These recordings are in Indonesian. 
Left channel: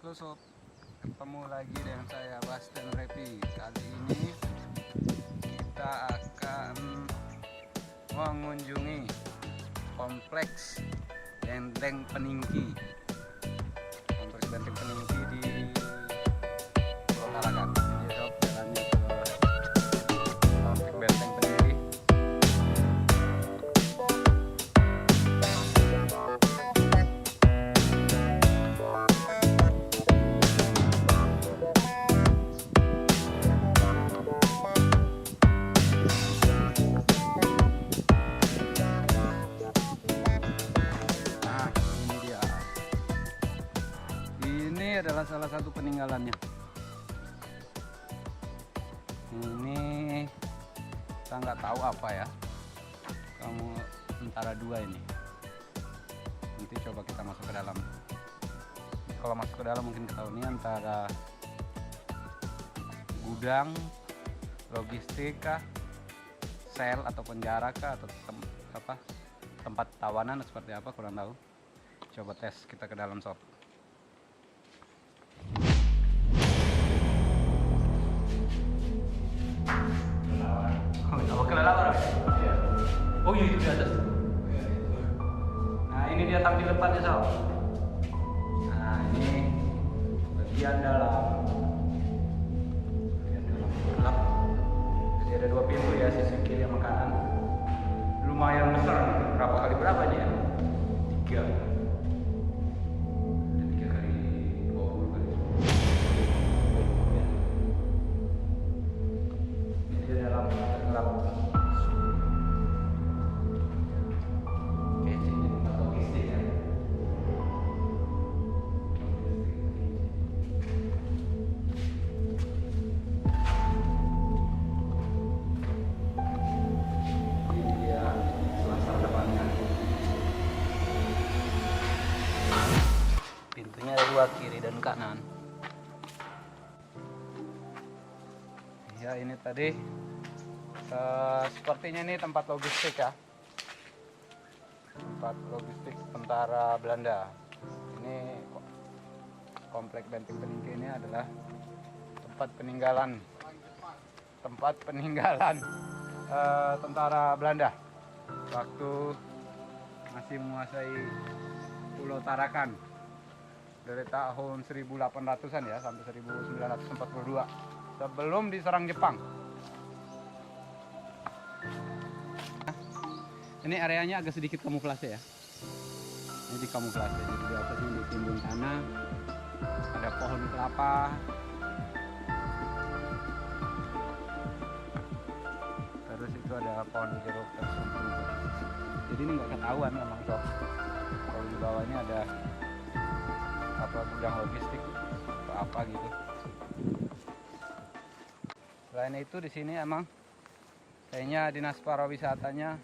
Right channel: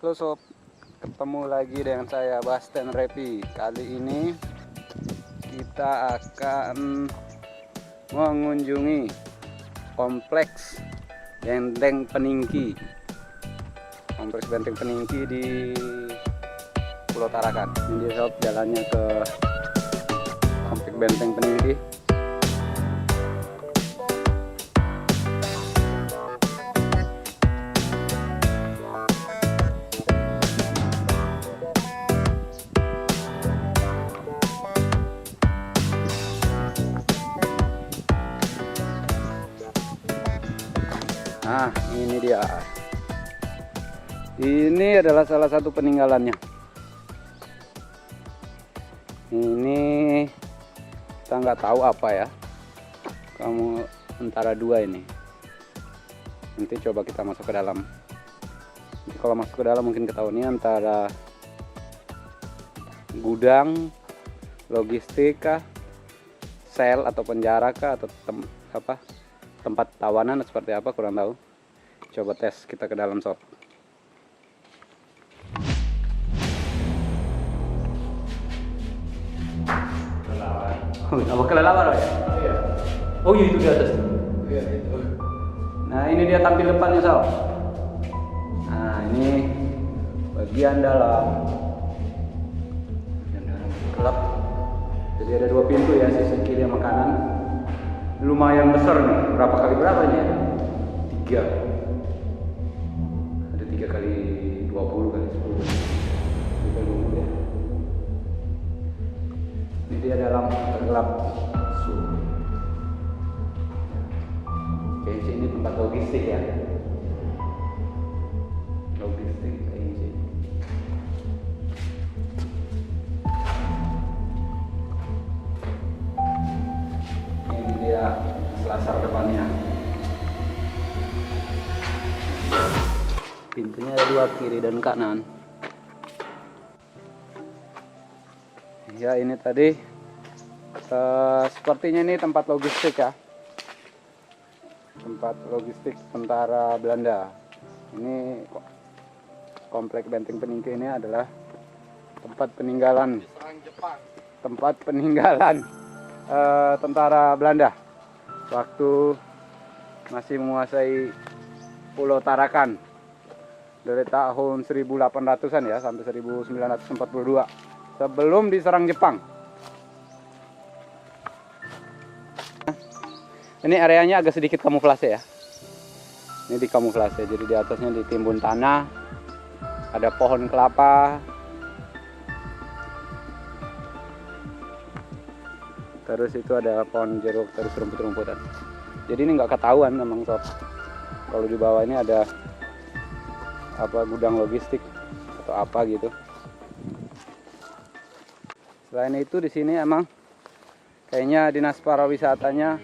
Halo sob, ketemu lagi dengan saya Basten Repi. Kali ini kita akan mengunjungi kompleks Benteng Peningki. Kompleks Benteng Peningki di Pulau Tarakan. Ini dia sob, jalannya ke kompleks Benteng Peningki. Nah, ini dia. Ini adalah salah satu peninggalannya. Ini kita nggak tahu apa ya. Kamu antara dua ini. Nanti coba kita masuk ke dalam. Nanti kalau masuk ke dalam mungkin ketahuan ini antara gudang, logistik kah, sel atau penjara kah, atau tempat tawanan seperti apa, kurang tahu. Coba tes kita ke dalam sob. Apa kelelawar ya? Iya. Oh iya, itu di atas tuh. Iya, itu. Nah, ini dia tampil depannya sob. Nah, ini bagian dalam. Bagian dalam gelap. Jadi ada dua pintu ya, sisi kiri sama kanan. Lumayan besar nih. Berapa kali berapa ini ya? 3. Ada 3 kali 20 kali 10. Kita dulu ya. Ini dia dalam gelap. Oke, ini tempat logistik ya. Logistik ini. Ini dia selasar depannya. Pintunya ada 2, kiri dan kanan. Ya, ini tadi sepertinya ini tempat logistik ya. Tempat logistik tentara Belanda. Ini komplek Benteng Peningki ini adalah tempat peninggalan. Tempat peninggalan tentara Belanda waktu masih menguasai Pulau Tarakan dari tahun 1800-an ya sampai 1942 sebelum diserang Jepang. Ini areanya agak sedikit kamuflase ya. Ini di kamuflase, jadi di atasnya ditimbun tanah, ada pohon kelapa. Terus itu ada pohon jeruk, terus rumput-rumputan. Jadi ini nggak ketahuan memang sob. Kalau di bawah ini ada apa, gudang logistik atau apa gitu. Selain itu di sini emang kayaknya dinas pariwisatanya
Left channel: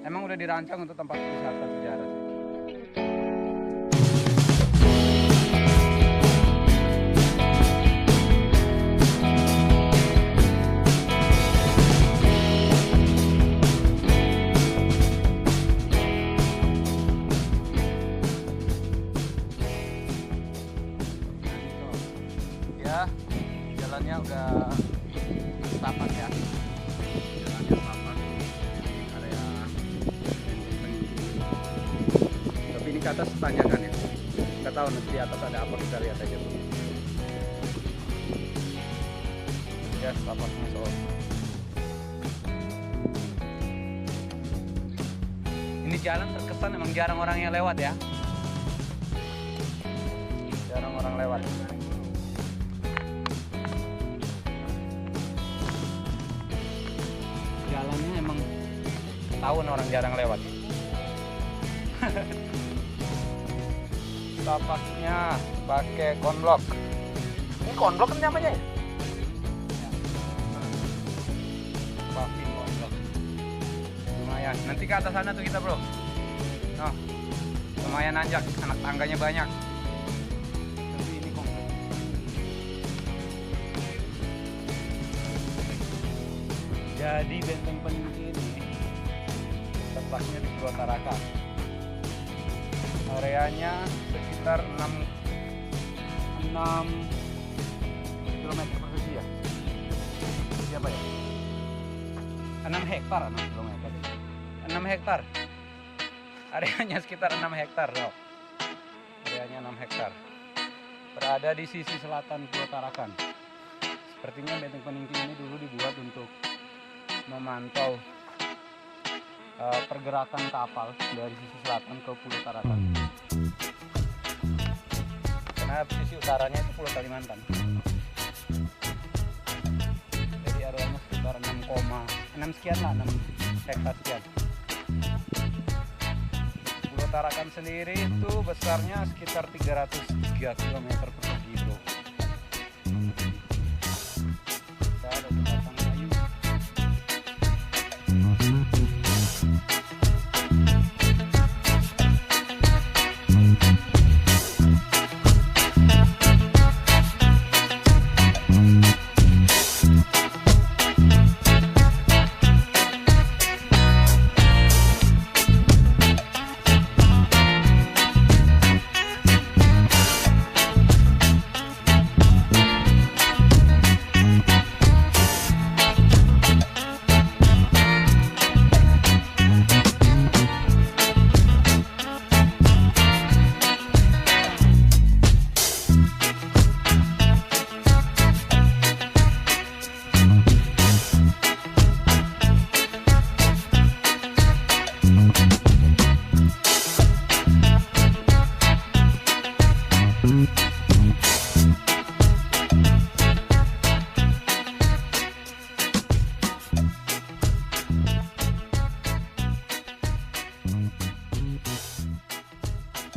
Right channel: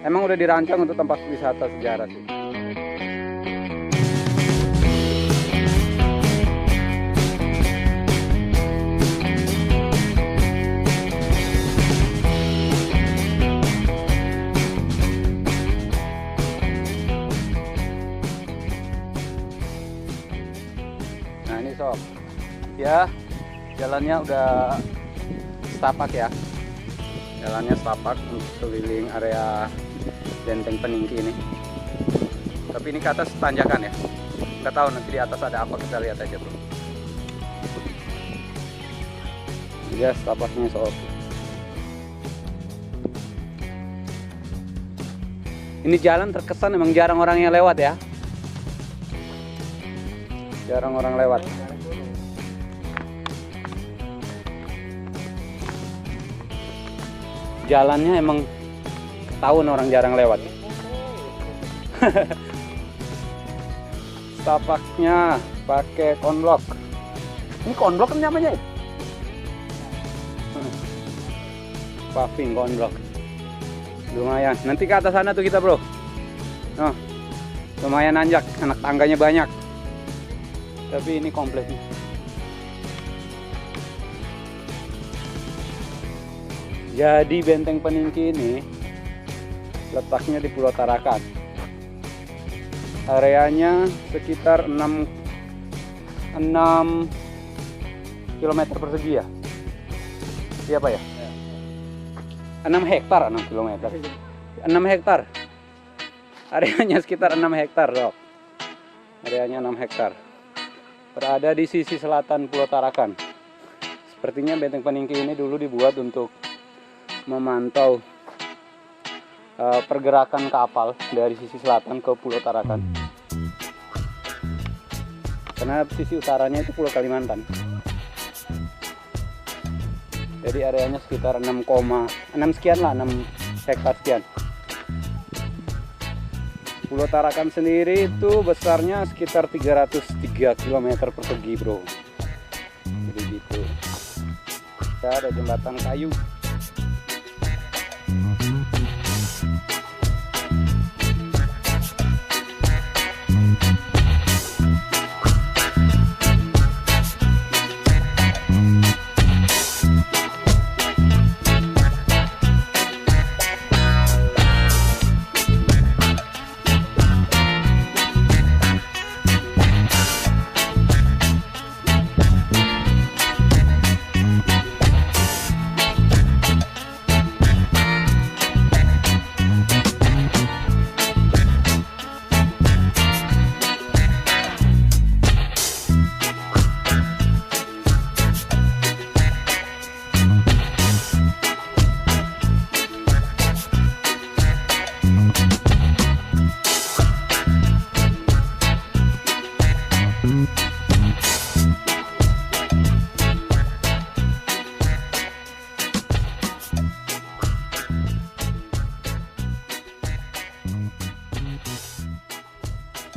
emang udah dirancang untuk tempat wisata sejarah sih. Ya, jalannya udah setapak ya. Jalannya setapak keliling area Benteng Peningki ini. Tapi ini ke atas tanjakan ya. Nggak tahu nanti di atas ada apa, kita lihat aja tuh. Ya, setapaknya sob. Ini jalan terkesan emang jarang orang yang lewat ya. Jarang orang lewat. Jalannya emang tahun orang jarang lewat. Tapaknya pakai konblok. Ini konblok kan namanya ya? Paving konblok. Lumayan. Nanti ke atas sana tuh kita bro. Oh, lumayan nanjak. Anak tangganya banyak. Tapi ini kompleks. Jadi Benteng Peningki ini letaknya di Pulau Tarakan. Areanya sekitar 6 6 km persegi ya. Siapa ya? 6 hektar, 6 km. 6 hektar. Areanya sekitar 6 hektar, Sob. Areanya 6 hektar. Berada di sisi selatan Pulau Tarakan. Sepertinya Benteng Peningki ini dulu dibuat untuk memantau pergerakan kapal dari sisi selatan ke Pulau Tarakan. Karena sisi utaranya itu Pulau Kalimantan. Jadi areanya sekitar 6 sekian lah, 6 hektar sekian. Pulau Tarakan sendiri itu besarnya sekitar 303 km persegi, bro. Jadi gitu. Kita ada jembatan kayu.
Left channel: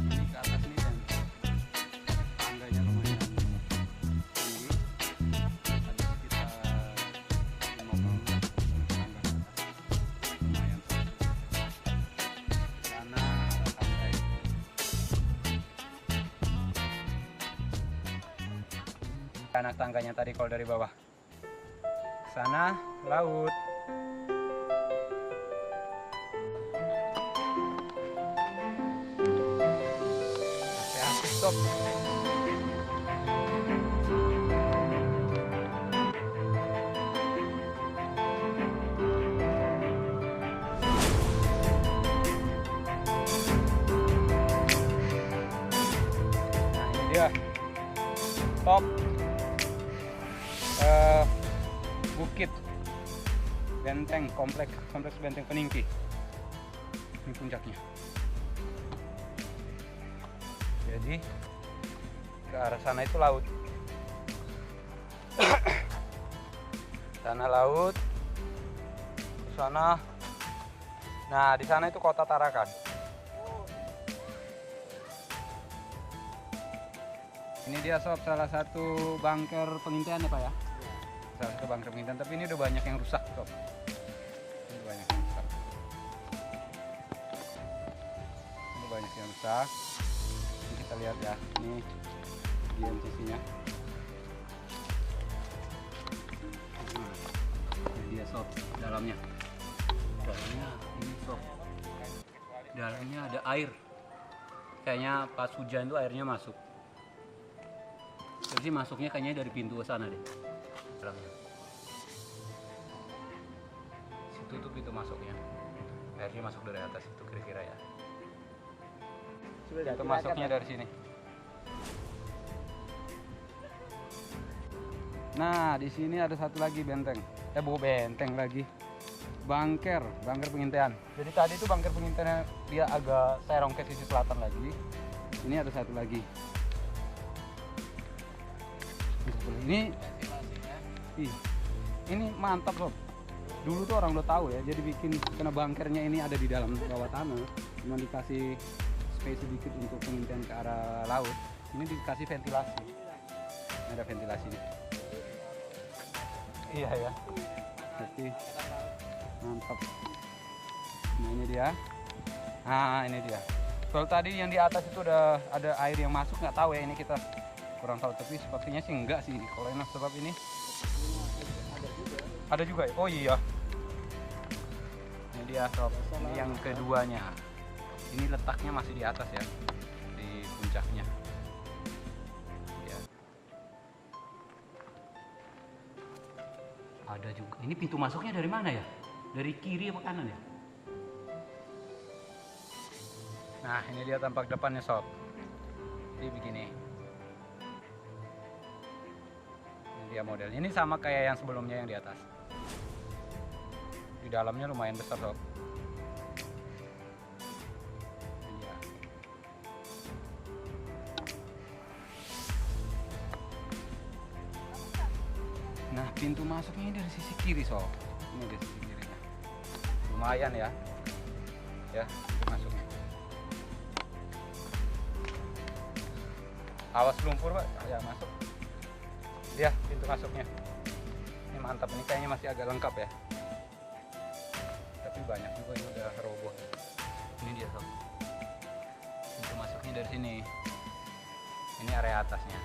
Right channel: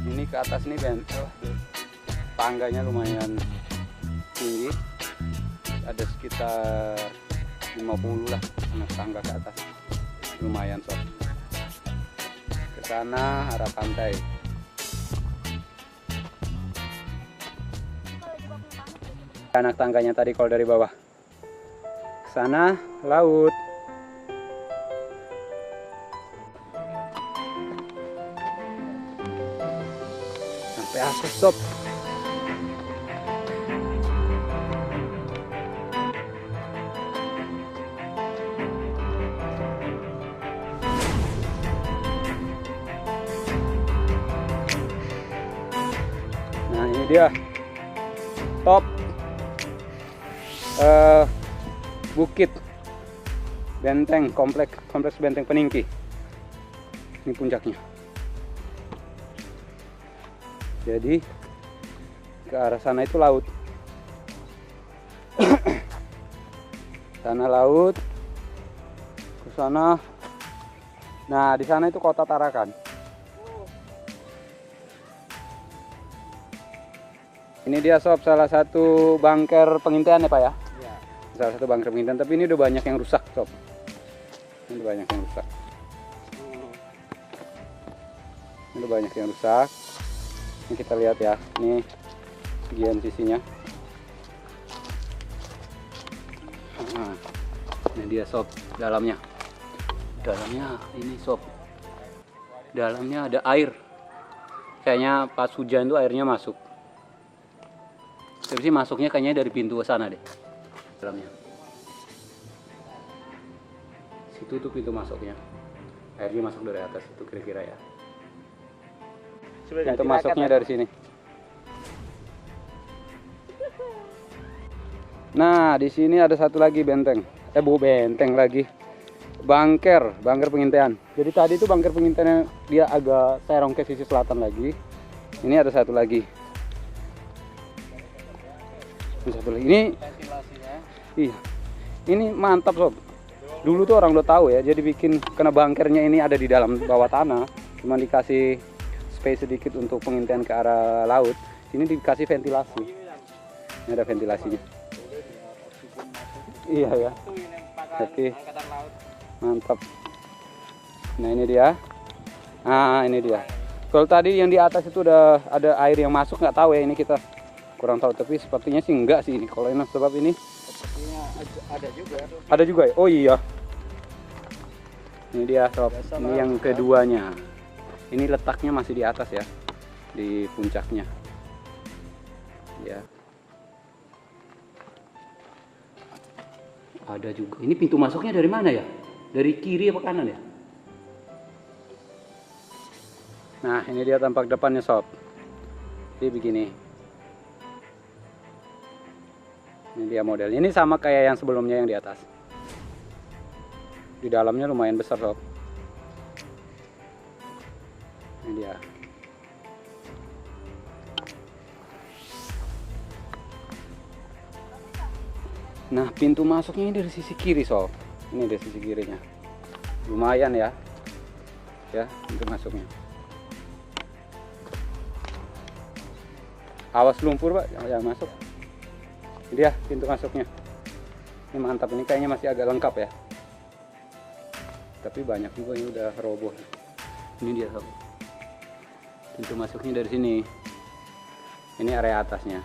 Ini ke atas nih Ben, tangganya lumayan tinggi, ada sekitar 50 lah tangga ke atas, lumayan Sob. Ke sana arah pantai. Anak tangganya tadi kalau dari bawah ke sana laut. Sampai atas Sob. Nah ini dia top bukit Benteng, kompleks Benteng Peningki. Ini puncaknya. Jadi ke arah sana itu laut. Sana laut. Ke sana. Nah, di sana itu kota Tarakan. Ini dia Sob, salah satu bunker pengintaian ya Pak ya? Salah satu bunker pengintaian, tapi ini udah banyak yang rusak Sob. Ini udah banyak yang rusak. Ini udah banyak yang rusak. Ini kita lihat ya, ini bagian sisinya. Nah, ini dia Sob, dalamnya. Dalamnya ini Sob. Dalamnya ada air. Kayaknya pas hujan itu airnya masuk. Tapi sih masuknya kayaknya dari pintu ke sana deh. Dalamnya. Situ tuh pintu masuknya. Airnya masuk dari atas itu kira-kira ya. Pintu masuknya dari sini. Nah, di sini ada satu lagi benteng. Benteng lagi. Bunker pengintaian. Jadi tadi itu bunker pengintaian dia agak serong ke sisi selatan lagi. Ini ada satu lagi. Ini mantap Sob. Dulu tuh orang udah tahu ya, jadi bikin karena bunkernya ini ada di dalam bawah tanah, cuma dikasih space sedikit untuk pengintaian ke arah laut. Ini dikasih ventilasi. Ini ada ventilasinya. Iya ya. Tapi mantap. Nah ini dia. Nah ini dia. Kalau tadi yang di atas itu udah ada air yang masuk, nggak tahu ya, ini kita kurang tahu, tapi sepertinya sih enggak sih ini. Kalau ini sebab ini ada juga ya? Oh iya. Ini dia Sob. Ini yang keduanya. Ini letaknya masih di atas ya, di puncaknya. Ya. Ada juga. Ini pintu masuknya dari mana ya? Dari kiri apa kanan ya? Nah, ini dia tampak depannya sob. Jadi begini. Ini dia modelnya. Ini sama kayak yang sebelumnya yang di atas. Di dalamnya lumayan besar sob. Ini dia. Nah, pintu masuknya ini dari sisi kiri sob. Ini dari sisi kirinya. Lumayan ya. Ya, pintu masuknya. Awas lumpur pak, yang masuk. Ini dia pintu masuknya. Ini mantap, ini kayaknya masih agak lengkap ya. Tapi banyak juga yang udah roboh. Ini dia sob. Pintu masuknya dari sini. Ini area atasnya.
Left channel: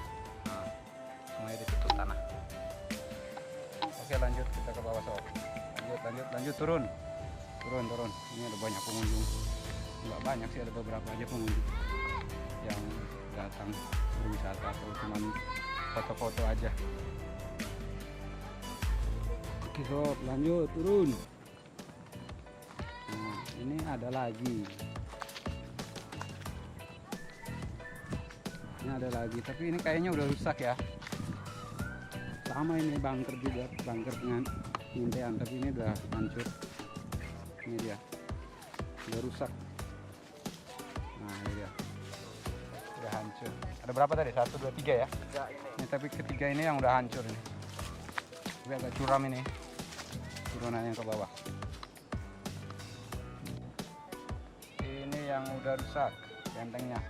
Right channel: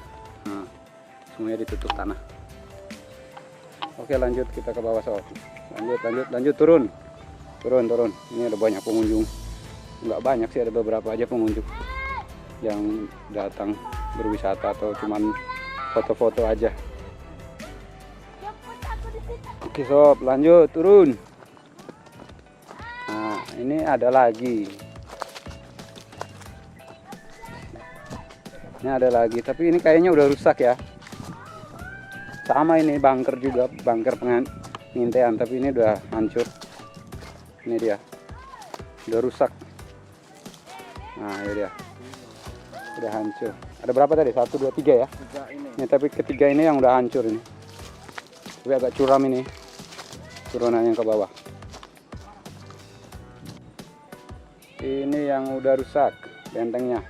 Nah, semuanya ditutup tanah. Oke, lanjut kita ke bawah sob. Lanjut turun. Turun. Ini ada banyak pengunjung. Nggak banyak sih, ada beberapa aja pengunjung yang datang berwisata atau cuman foto-foto aja. Oke sob, lanjut turun. Nah, ini ada lagi. Ini ada lagi, tapi ini kayaknya udah rusak ya. Sama ini bunker juga, bunker pengintaian, tapi ini udah hancur. Ini dia, udah rusak. Nah, ini dia, udah hancur. Ada berapa tadi? 1, 2, 3 ya? Ini tapi ketiga ini yang udah hancur ini. Tapi agak curam ini turunannya ke bawah. Ini yang udah rusak bentengnya.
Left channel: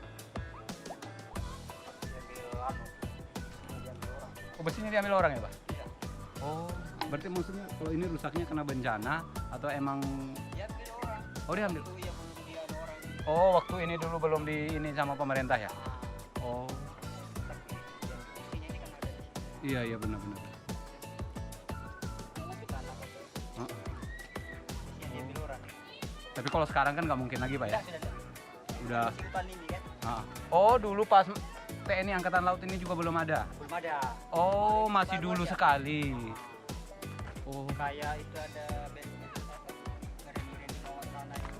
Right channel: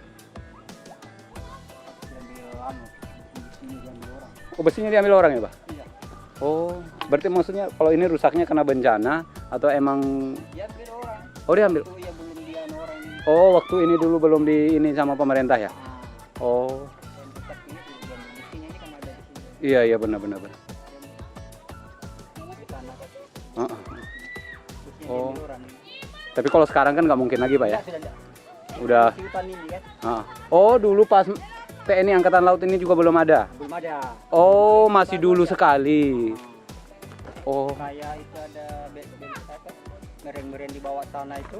Oh, besinya diambil orang ya Pak? Iya. Oh, berarti maksudnya kalau ini rusaknya kena bencana atau emang? Diambil orang. Oh, diambil. Itu ya belum dia orang. Oh, waktu ini dulu belum di ini sama pemerintah ya? Oh. Iya benar. Oh. Tapi kalau sekarang kan nggak mungkin lagi Pak ya? Udah. Oh, dulu pas TNI Angkatan Laut ini juga belum ada? Belum ada. Oh, masih dulu sekali. Oh. Kayak itu ada meren-meren di bawah tanah itu.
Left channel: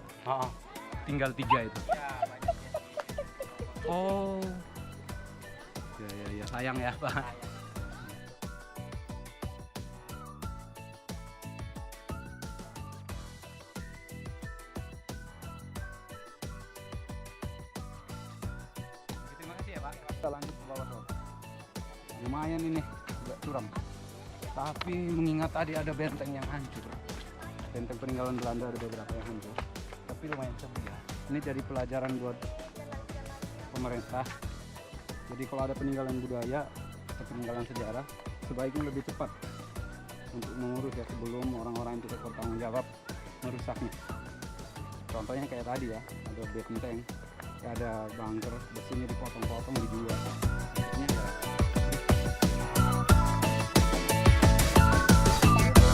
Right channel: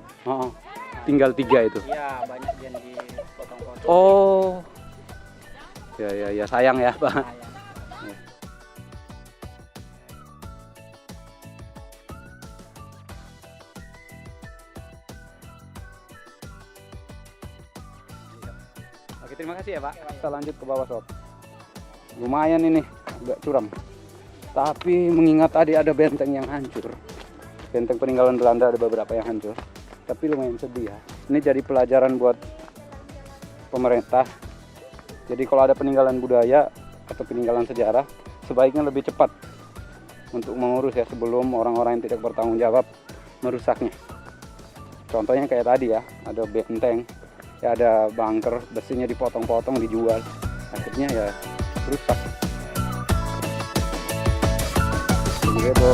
Tinggal 3 itu? Iya, banyak yang dipotong-potong. Oh. Ya, sayang ya Pak. Oke, terima kasih ya Pak. Kita lanjut ke bawah sob. Lumayan ini, agak curam. Tapi mengingat tadi ada benteng yang hancur. Benteng peninggalan Belanda ada beberapa yang hancur. Tapi lumayan sedih ya. Ini jadi pelajaran buat pemerintah. Jadi kalau ada peninggalan budaya atau peninggalan sejarah, sebaiknya lebih cepat untuk mengurus ya sebelum orang-orang yang tidak bertanggung jawab merusaknya. Contohnya kayak tadi ya, ada benteng, ya ada bunker, besinya dipotong-potong dijual, akhirnya ya rusak. Gitu.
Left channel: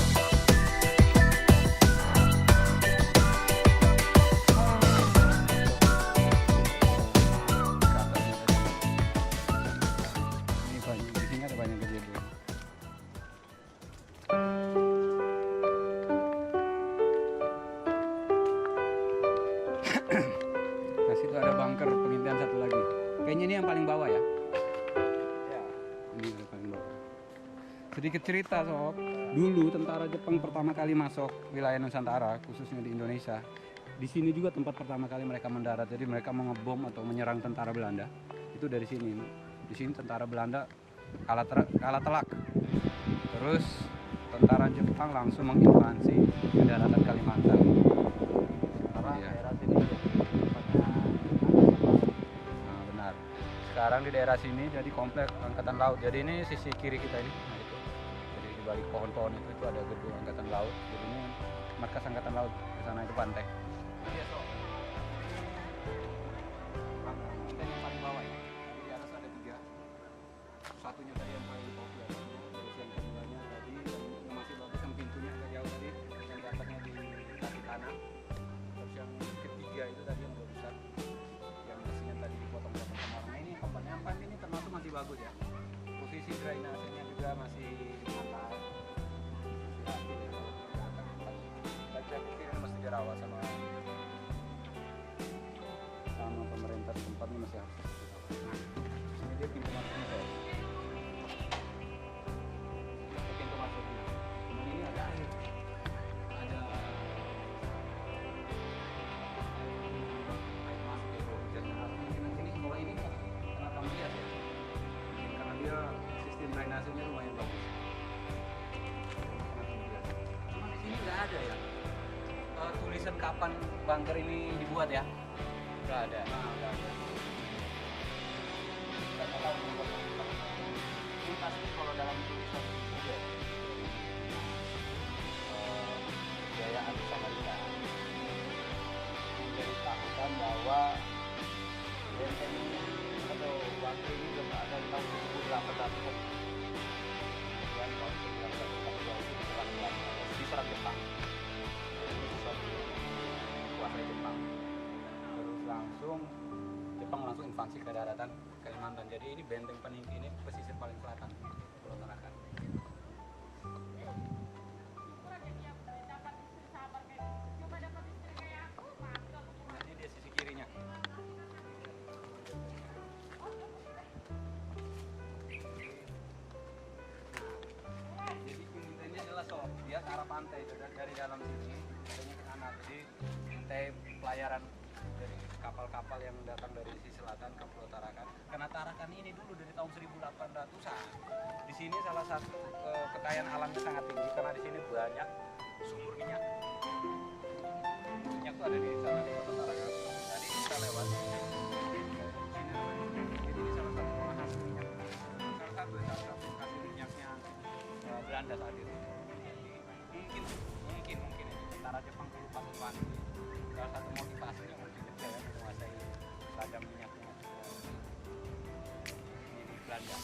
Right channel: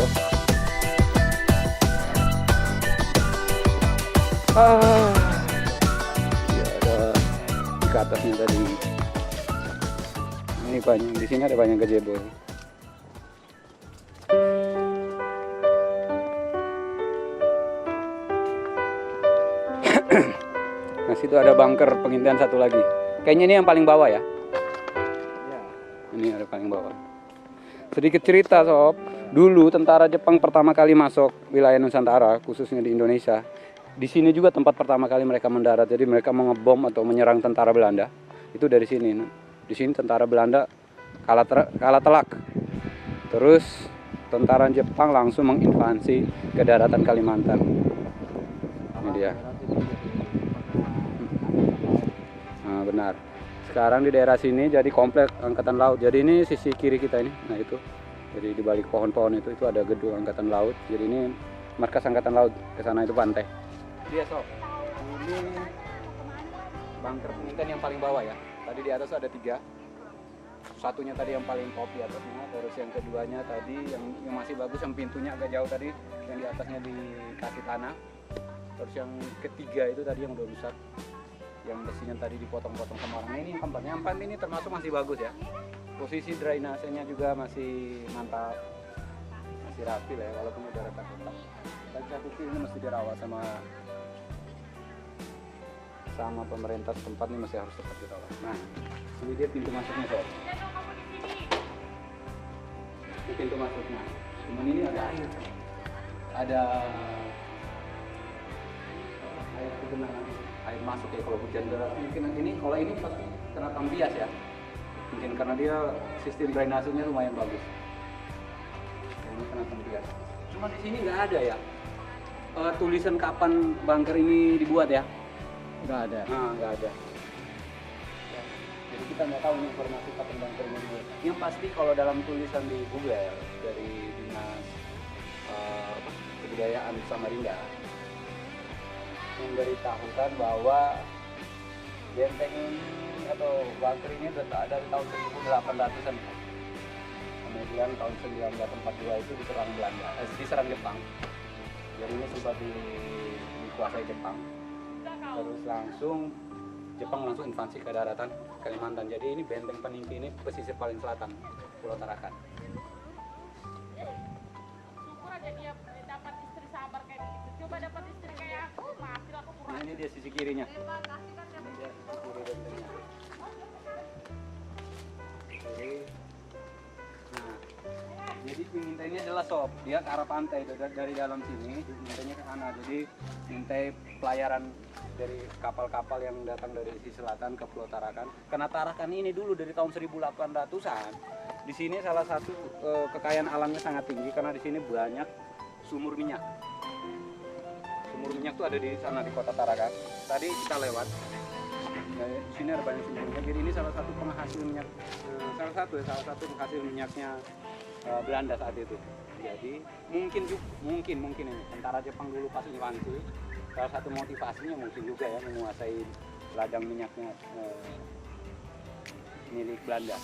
Ke atasnya tadi. Ini banyak, di sini ada banyak gazebo. Nah, situ ada bunker pengintaian satu lagi. Kayaknya ini yang paling bawah ya. Ya. Ini ada paling bawah. Sedikit cerita sob. Dulu tentara Jepang pertama kali masuk wilayah Nusantara, khususnya di Indonesia. Di sini juga tempat pertama kali mereka mendarat. Jadi mereka mau ngebom atau menyerang tentara Belanda. Itu dari sini. Di sini tentara Belanda kalah telak. Terus tentara Jepang langsung menginvasi ke daratan Kalimantan. Ini dia. Nah, benar. Sekarang di daerah sini jadi komplek Angkatan Laut. Jadi ini sisi kiri kita ini. Nah, itu. Jadi di balik pohon-pohon itu ada gedung Angkatan Laut. Jadi ini markas Angkatan Laut. Ke sana itu pantai. Dia sob. Ini bunker pengintaian yang paling bawah ya. Tadi di atas ada 3. Satunya tadi yang paling top di atasnya, terus yang keduanya tadi yang masih bagus, yang pintunya agak jauh tadi, yang di atasnya dikasih tanah. Terus yang ketiga itu tadi yang udah rusak, yang besinya tadi dipotong-potong sama orang. Nah, ini yang keempat. Yang keempat ini termasuk masih bagus ya. Posisi drainasenya juga masih mantap, masih berhasil ya, walaupun udah retak-retak. Tapi saya pikir ini mesti dirawat sama pemerintah setempat, ini masih harus tetap dirawat. Nah, ini dia pintu masuknya sob. Ini pintu masuknya. Cuman ini ada air. Ada air masuk ya kalau hujan deras. Mungkin ini kalau ini kena bias ya. Mungkin karena dia sistem drainasenya lumayan bagus. Ini kena bias. Cuma di sini nggak ada ya tulisan kapan bunker ini dibuat ya. Nggak ada. Nah, nggak ada. Jadi kita nggak tahu nih informasi kapan bunker ini dibuat. Yang pasti kalau dalam tulisan di Google dari Dinas Kebudayaan Samarinda memberitahukan bahwa benteng atau bunker ini sudah ada di tahun 1800-an. Kemudian tahun 1942 itu diserang Belanda, diserang Jepang. Jadi ini sudah dikuasai Jepang. Terus Jepang langsung invasi ke daratan Kalimantan. Jadi ini benteng Peningki ini pesisir paling selatan Pulau Tarakan. Nah ini dia sisi kirinya. Jadi ngintainya adalah sob, dia ke arah pantai dari dalam sini, ngintainya ke sana. Jadi ngintai pelayaran dari kapal-kapal yang datang dari sisi selatan ke Pulau Tarakan. Karena Tarakan ini dulu dari tahun 1800-an, di sini salah satu kekayaan alamnya sangat tinggi karena di sini banyak sumur minyak. Sumur minyak tuh ada di sana di Kota Tarakan. Tadi kita lewat, di sini ada banyak sumur minyak. Jadi ini salah satu penghasil minyak, salah satu penghasil minyaknya Belanda saat itu. Jadi mungkin ini tentara Jepang dulu pas invasi, salah satu motivasinya mungkin juga ya menguasai ladang minyaknya milik Belanda.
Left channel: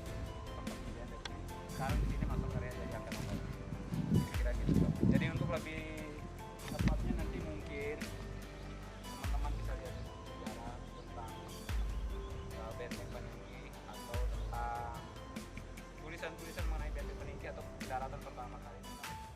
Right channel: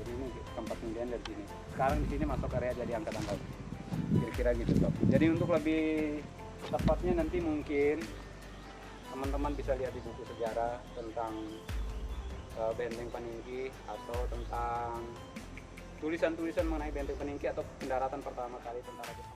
Jadi ini tempat pendidikan dari sini. Sekarang di sini masuk area jadi angkatan laut. Kira-kira gitu sob. Jadi untuk lebih tepatnya nanti mungkin teman-teman bisa lihat di buku sejarah tentang benteng Peningki atau tentang tulisan-tulisan mengenai benteng Peningki atau pendaratan pertama kali tentara Jepang.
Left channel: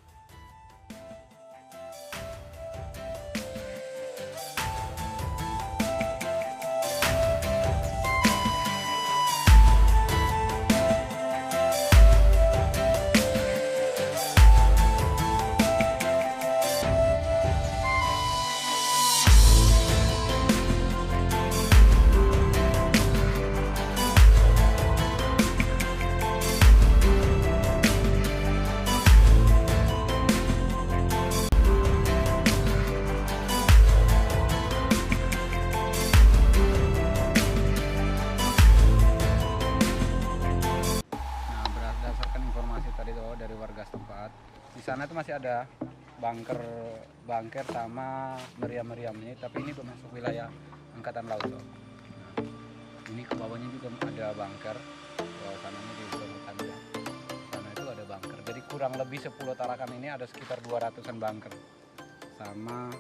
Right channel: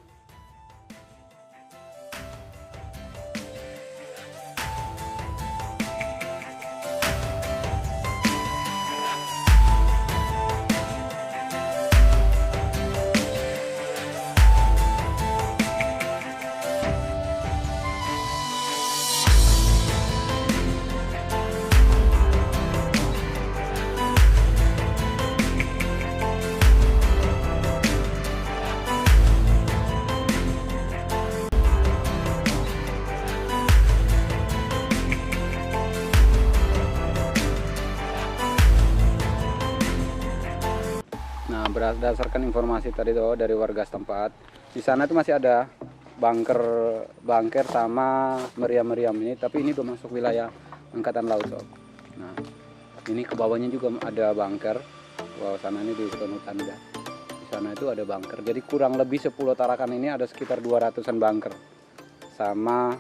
Berdasarkan informasi tadi tuh dari warga setempat, di sana tuh masih ada bunker sama meriam-meriam ini, tapi ini udah masuk wilayah angkatan laut sob. Nah, ini ke bawahnya juga ada bunker. Bawah sana ini di hutan udah. Di sana itu ada bunker. Jadi kurang lebih 10 Tarakan ini ada sekitar 200-an bunker sama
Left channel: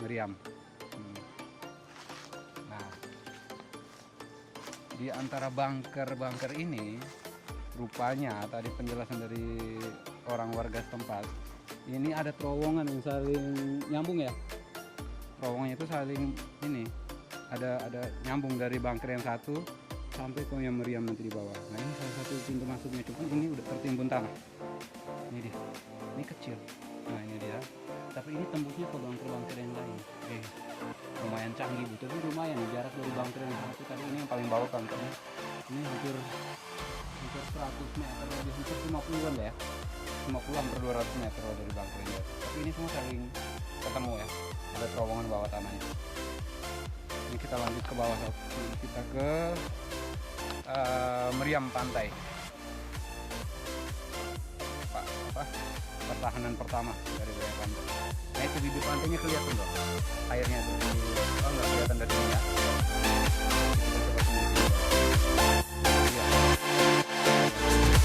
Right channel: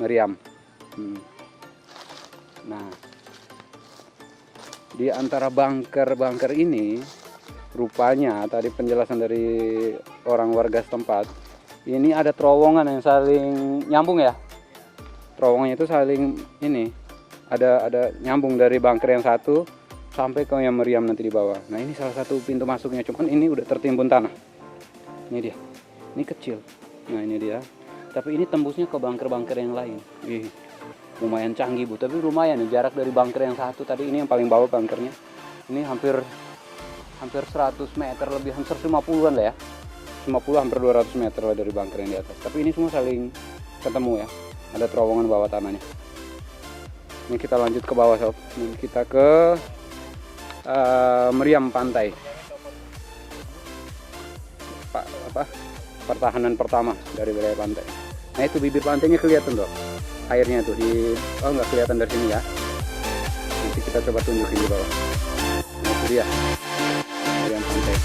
meriam. Nah, di antara bunker ini rupanya tadi penjelasan dari orang warga setempat, ini ada terowongan yang saling nyambung ya. Terowongannya itu saling ini ada nyambung dari bunker yang satu sampai ke yang meriam nanti di bawah. Nah ini salah satu pintu masuknya, cuman ini udah tertimbun tanah. Ini dia, ini kecil. Nah ini dia, tapi ini tembusnya ke bunker-bunker yang lain. Lumayan canggih bu, tapi lumayan nih jarak dari bunker yang satu tadi, ini yang paling bawah bunkernya. Ini hampir 100 meter lebih, hampir 50-an lah ya, 50 hampir 200 meter lah dari bunker yang di atas. Tapi ini semua saling ketemu ya, ada terowongan bawah tanahnya. Ini kita lanjut ke bawah sob, ini kita ke meriam pantai, pertahanan pertama dari wilayah pantai. Nah itu bibir pantainya kelihatan tuh, airnya tuh nggak kelihatan dari sini ya. Nanti kita coba tunjukin di bawah. Nah itu dia meriam pantai.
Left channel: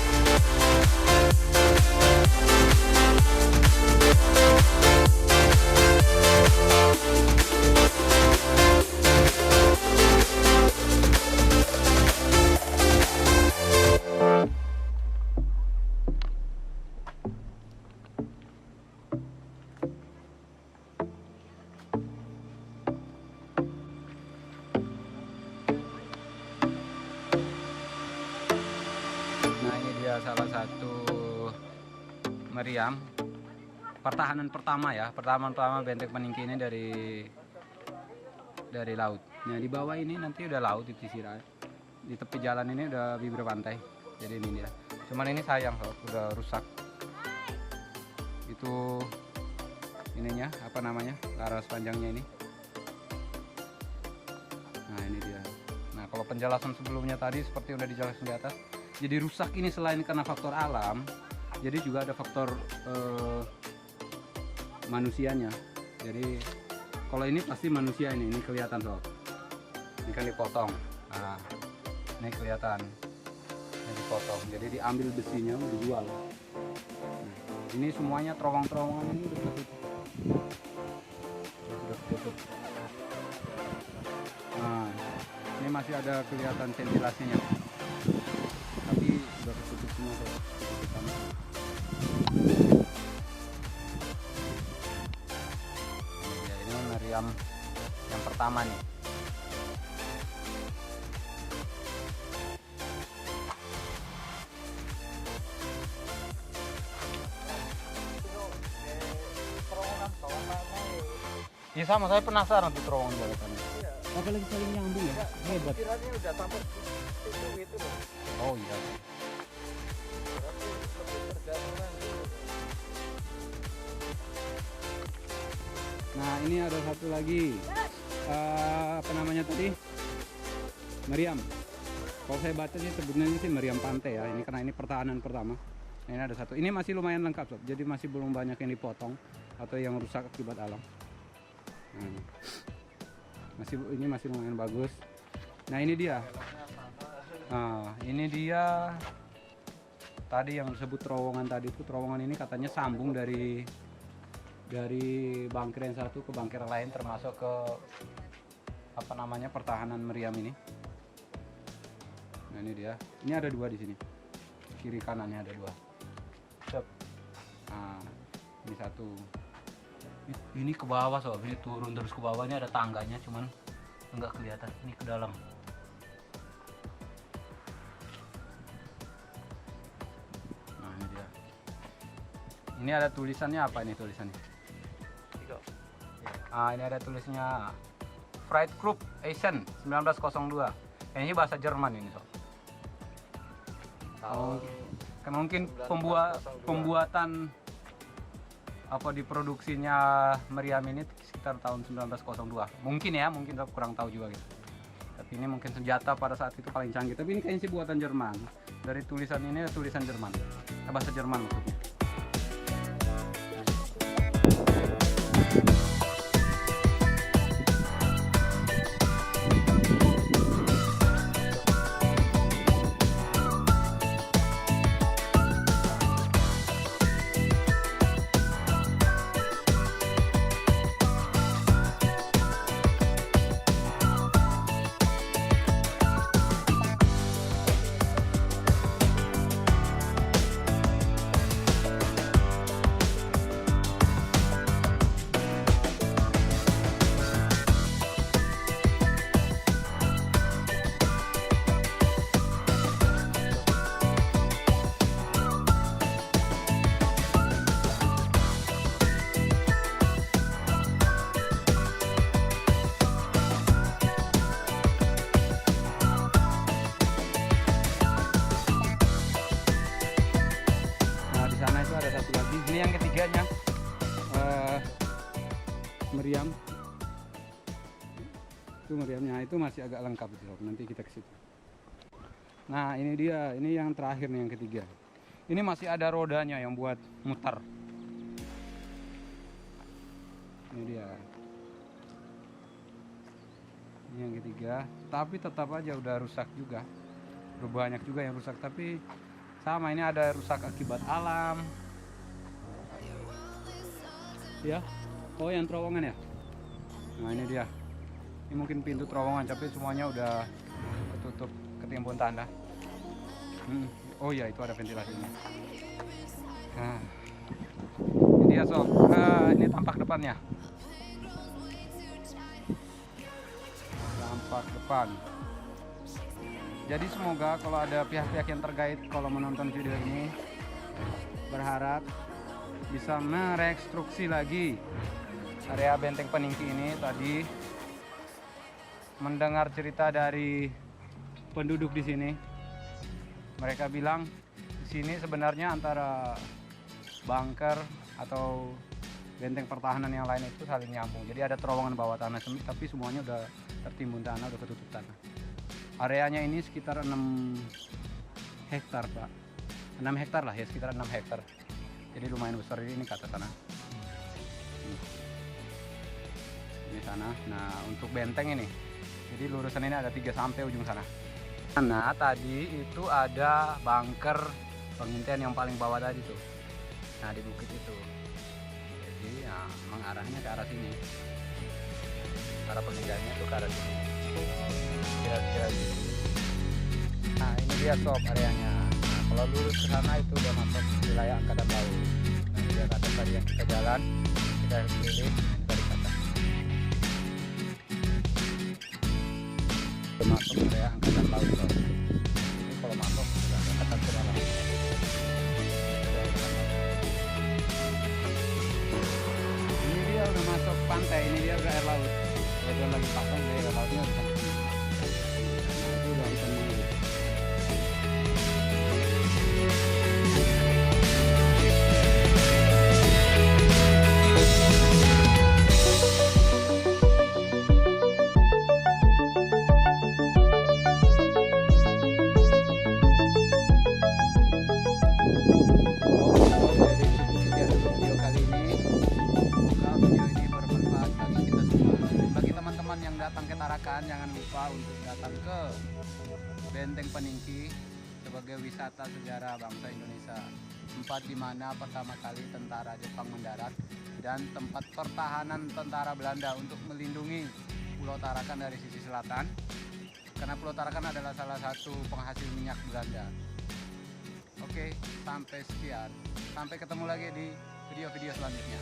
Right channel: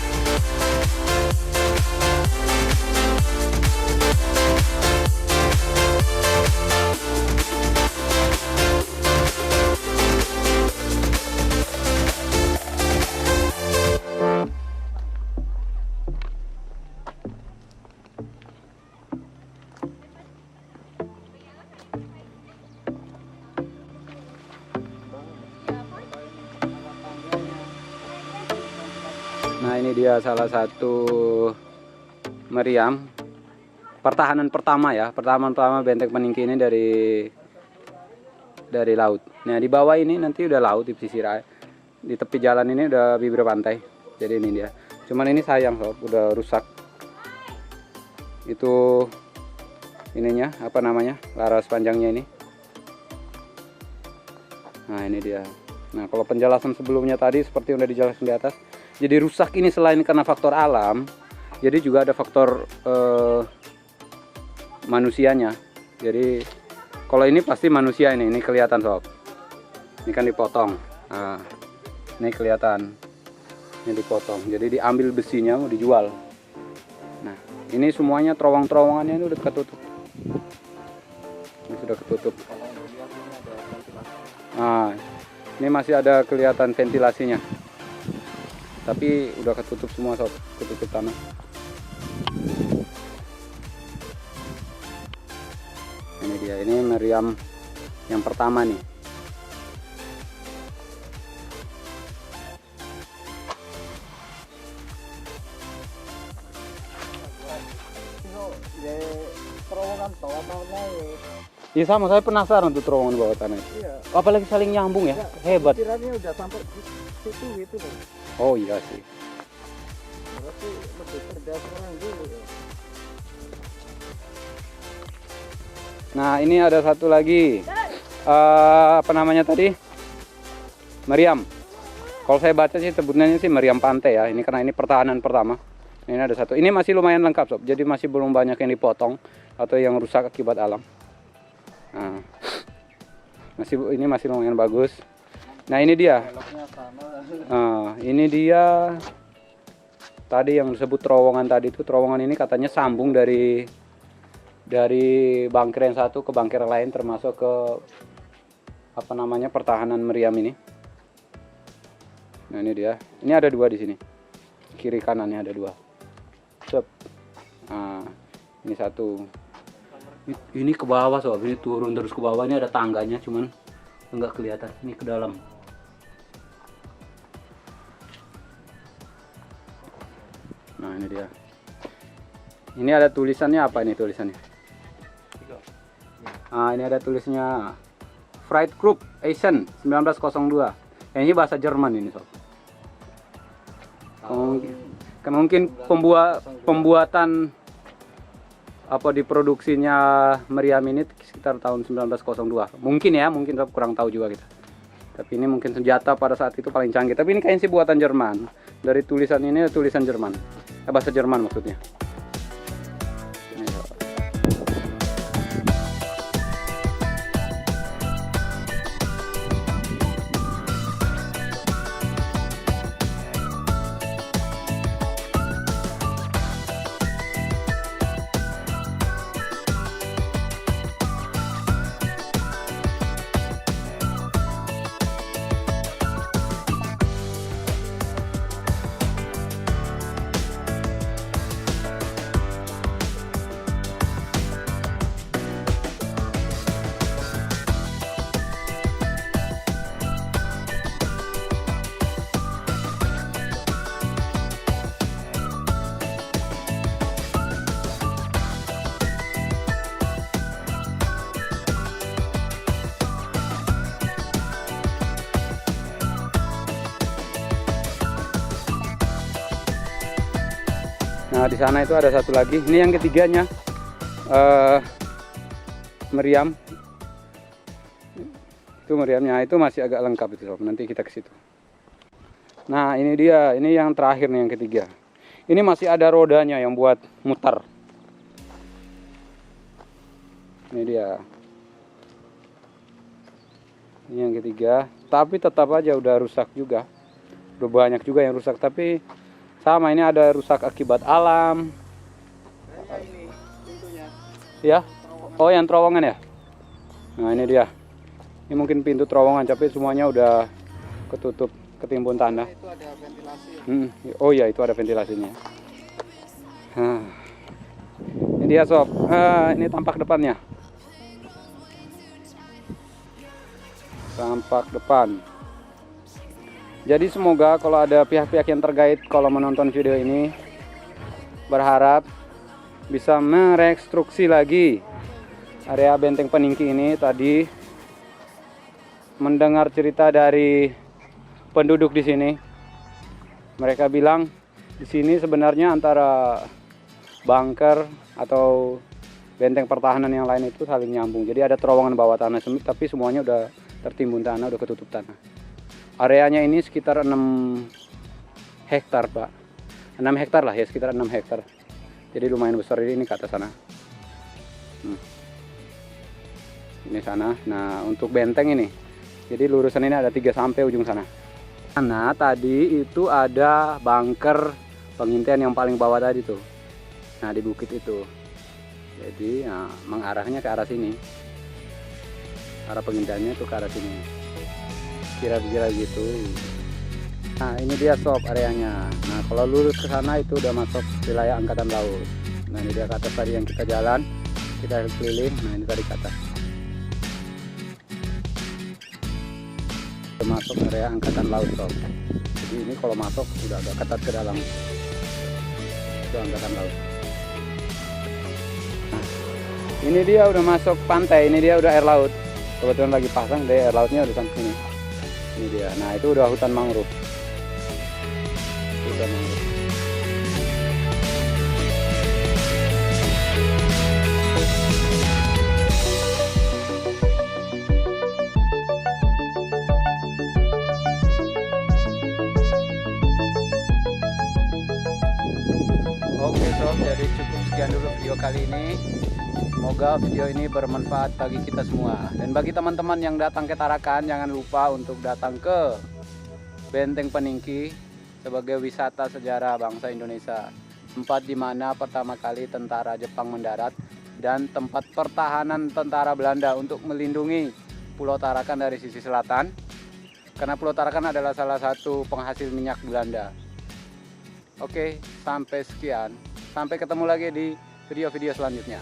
Nah ini dia salah satu meriam pertahanan pertama ya, pertama benteng peningki ini dari laut. Nah di bawah ini nanti udah laut di pesisir air. Di tepi jalan ini udah bibir pantai. Jadi ini dia. Cuman ini sayang sob, udah rusak. Itu ininya apa namanya, laras panjangnya ini. Nah ini dia. Nah kalau penjelasan sebelumnya tadi seperti yang udah dijelaskan di atas, jadi rusak ini selain karena faktor alam, jadi juga ada faktor manusianya. Jadi kalau ini pasti manusia ini kelihatan sob. Ini kan dipotong. Nah ini kelihatan, ini dipotong. Jadi diambil besinya mau dijual. Nah ini semuanya terowongan-terowongannya ini udah ketutup. Ini sudah ketutup. Nah ini masih ada kelihatan ventilasinya, tapi udah ketutup semua sob, ketutup tanah. Ini dia, ini meriam yang pertama nih. Terowongan bawah tanah ya. Iya sama, saya penasaran tuh terowongan bawah tanah. Iya. Apalagi saling nyambung ya, hebat. Kiranya udah sampai di situ gitu loh. Oh iya sih. Berarti lebih cerdas orang dulu ya. Nah ini ada satu lagi, apa namanya tadi, meriam. Kalau saya baca sih sebutannya sih meriam pantai ya. Ini karena ini pertahanan pertama. Ini ada satu. Ini masih lumayan lengkap sob. Jadi masih belum banyak yang dipotong atau yang rusak akibat alam. Nah, ini masih lumayan bagus. Nah ini dia. Ini dia. Tadi yang disebut terowongan tadi itu, terowongan ini katanya sambung dari bangker yang satu ke bangker lain, termasuk ke apa namanya pertahanan meriam ini. Nah ini dia. Ini ada dua di sini. Kiri kanannya ada dua. Nah ini satu. Ini ke bawah sob, ini turun terus ke bawah. Ini ada tangganya, cuman enggak kelihatan. Ini ke dalam. Nah ini dia. Ini ada tulisannya, apa ini tulisannya? Nah ini ada tulisnya Fried Group Essen 1902. Ini bahasa Jerman ini sob. Mungkin pembuatan apa diproduksinya meriam ini sekitar tahun 1902. Mungkin ya, mungkin kurang tahu juga kita. Tapi ini mungkin senjata pada saat itu paling canggih. Tapi ini kayaknya sih buatan Jerman. Dari tulisan ini tulisan Jerman. Bahasa Jerman maksudnya. Nah di sana itu ada satu lagi. Ini yang ketiganya meriam. Itu meriamnya, itu masih agak lengkap itu sob. Nanti kita ke situ. Nah ini dia, ini yang terakhir nih, yang ketiga. Ini masih ada rodanya yang buat muter. Ini dia. Ini yang ketiga. Tapi tetap aja udah rusak juga. Udah banyak juga yang rusak, tapi sama ini ada rusak akibat alam. Ya. Oh yang terowongan ya. Nah ini dia. Ini mungkin pintu terowongan, tapi semuanya udah ketutup, ketimbun tanah. Oh iya itu ada ventilasinya. Ini dia sob. Ini tampak depannya. Tampak depan. Jadi semoga kalau ada pihak-pihak yang terkait kalau menonton video ini berharap bisa merekonstruksi lagi area Benteng Peningki ini. Tadi mendengar cerita dari penduduk di sini, mereka bilang di sini sebenarnya antara bunker atau benteng pertahanan yang lain itu saling nyambung. Jadi ada terowongan bawah tanah sempit, tapi semuanya udah tertimbun tanah, udah ketutup tanah. Areanya ini sekitar 6 hektar, Pak. 6 hektar lah ya, sekitar 6 hektar. Jadi lumayan besar ini ke atas sana. Ini sana. Nah, untuk benteng ini, jadi lurusan ini ada 3 sampai ujung sana. Nah, tadi itu ada bunker pengintaian yang paling bawah tadi tuh. Nah, di bukit itu. Jadi, nah, mengarahnya ke arah sini. Arah pengintaiannya tuh ke arah sini. Kira-kira gitu. Nah, ini dia sob areanya. Nah, kalau lurus ke sana itu udah masuk wilayah Angkatan Laut. Nah, ini dia ke atas tadi yang kita jalan, kita keliling. Nah, ini tadi ke atas. Masuk area Angkatan Laut, sob. Jadi ini kalau masuk sudah agak ketat ke dalam. Itu Angkatan Laut. Nah, ini dia udah masuk pantai. Ini dia udah air laut. Kebetulan lagi pasang deh, air lautnya udah sampai sini. Ini dia. Nah, itu udah hutan mangrove. Oke sob, jadi cukup sekian dulu video kali ini. Semoga video ini bermanfaat bagi kita semua. Dan bagi teman-teman yang datang ke Tarakan, jangan lupa untuk datang ke Benteng Peningki sebagai wisata sejarah bangsa Indonesia. Tempat di mana pertama kali tentara Jepang mendarat dan tempat pertahanan tentara Belanda untuk melindungi Pulau Tarakan dari sisi selatan. Karena Pulau Tarakan adalah salah satu penghasil minyak Belanda. Oke, sampai sekian. Sampai ketemu lagi di video-video selanjutnya.